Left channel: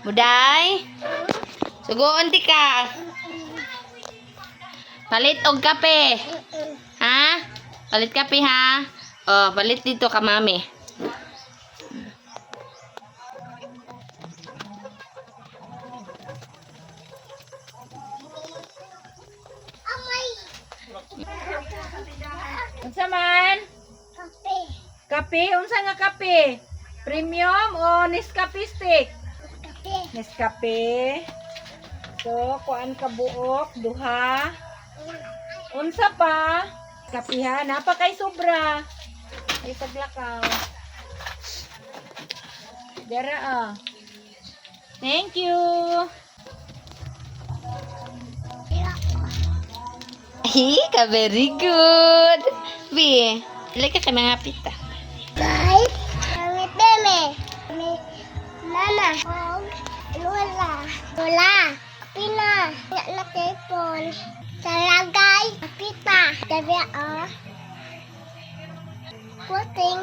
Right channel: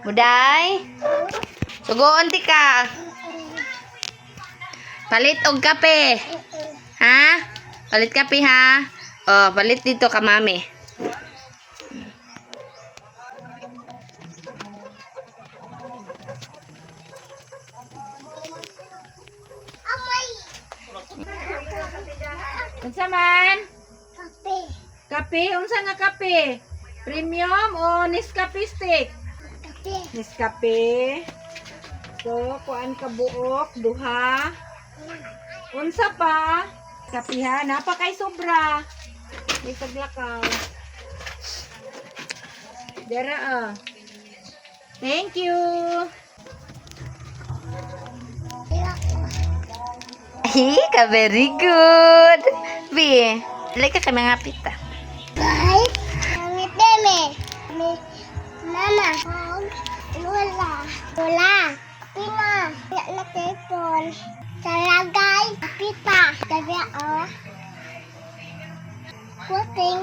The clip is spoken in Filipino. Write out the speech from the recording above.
Buday? Sugoon ti ka. Palit og kape. Ha? Palit kape ha? Oh, palit dito ka mami. Unsa man? Kape. Kape? Unsa nga kape? Premium o Nescafe stick? Kape. Nescafe. So, kuan ka buok, duha. Unsa pa? Kape ha, napa kay sobra. Ay paglakaw. Dara ah. Thank you. Ka very good. Bi, like ka mga pita. Guys, kami deme. Mama, Lola. Lola. Pina. Na telepon. Salagay. Pita. Dari ah. Puting.